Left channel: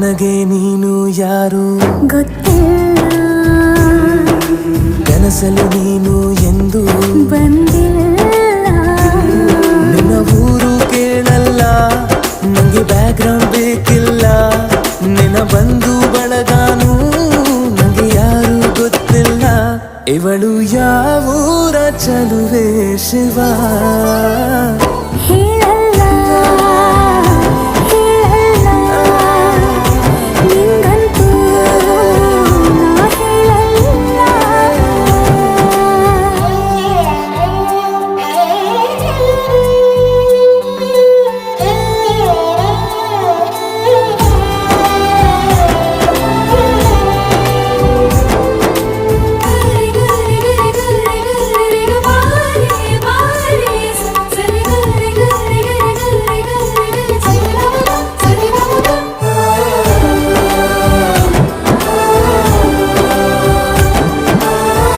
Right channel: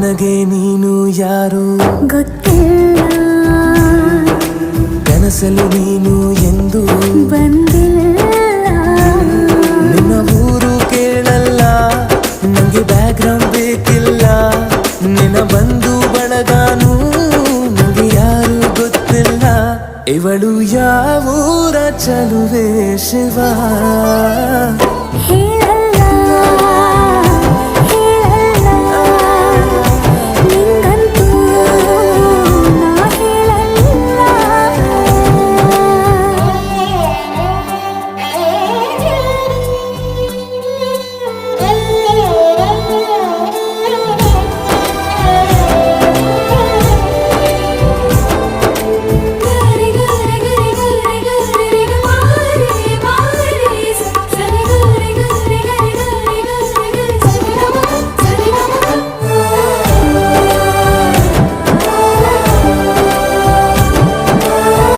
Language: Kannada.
ನನಗೆ ನೀನು ಯಾರು ಗೊತ್ತಿಲ್ಲ, ಕನಸಲು ನೀನು ಎಂದು ಬಂದಿಲ್ಲ. ನಿನ್ನ ಊರು ಕೇಳಲ್ಲ, ನಂಗೆ ಬ್ಯಾಕ್ಗ್ರೌಂಡ್ ಬೇಕಿಲ್ಲ. ನಿನ್ನ ಬಂಧು ಬಳಗಾನು ನಂಗೆ ಯಾರು ಗೊತ್ತಿಲ್ಲ. ಇವಳು ಯಾವೂರ ಚಲುವೆ ಶಿವ ಹೇಳ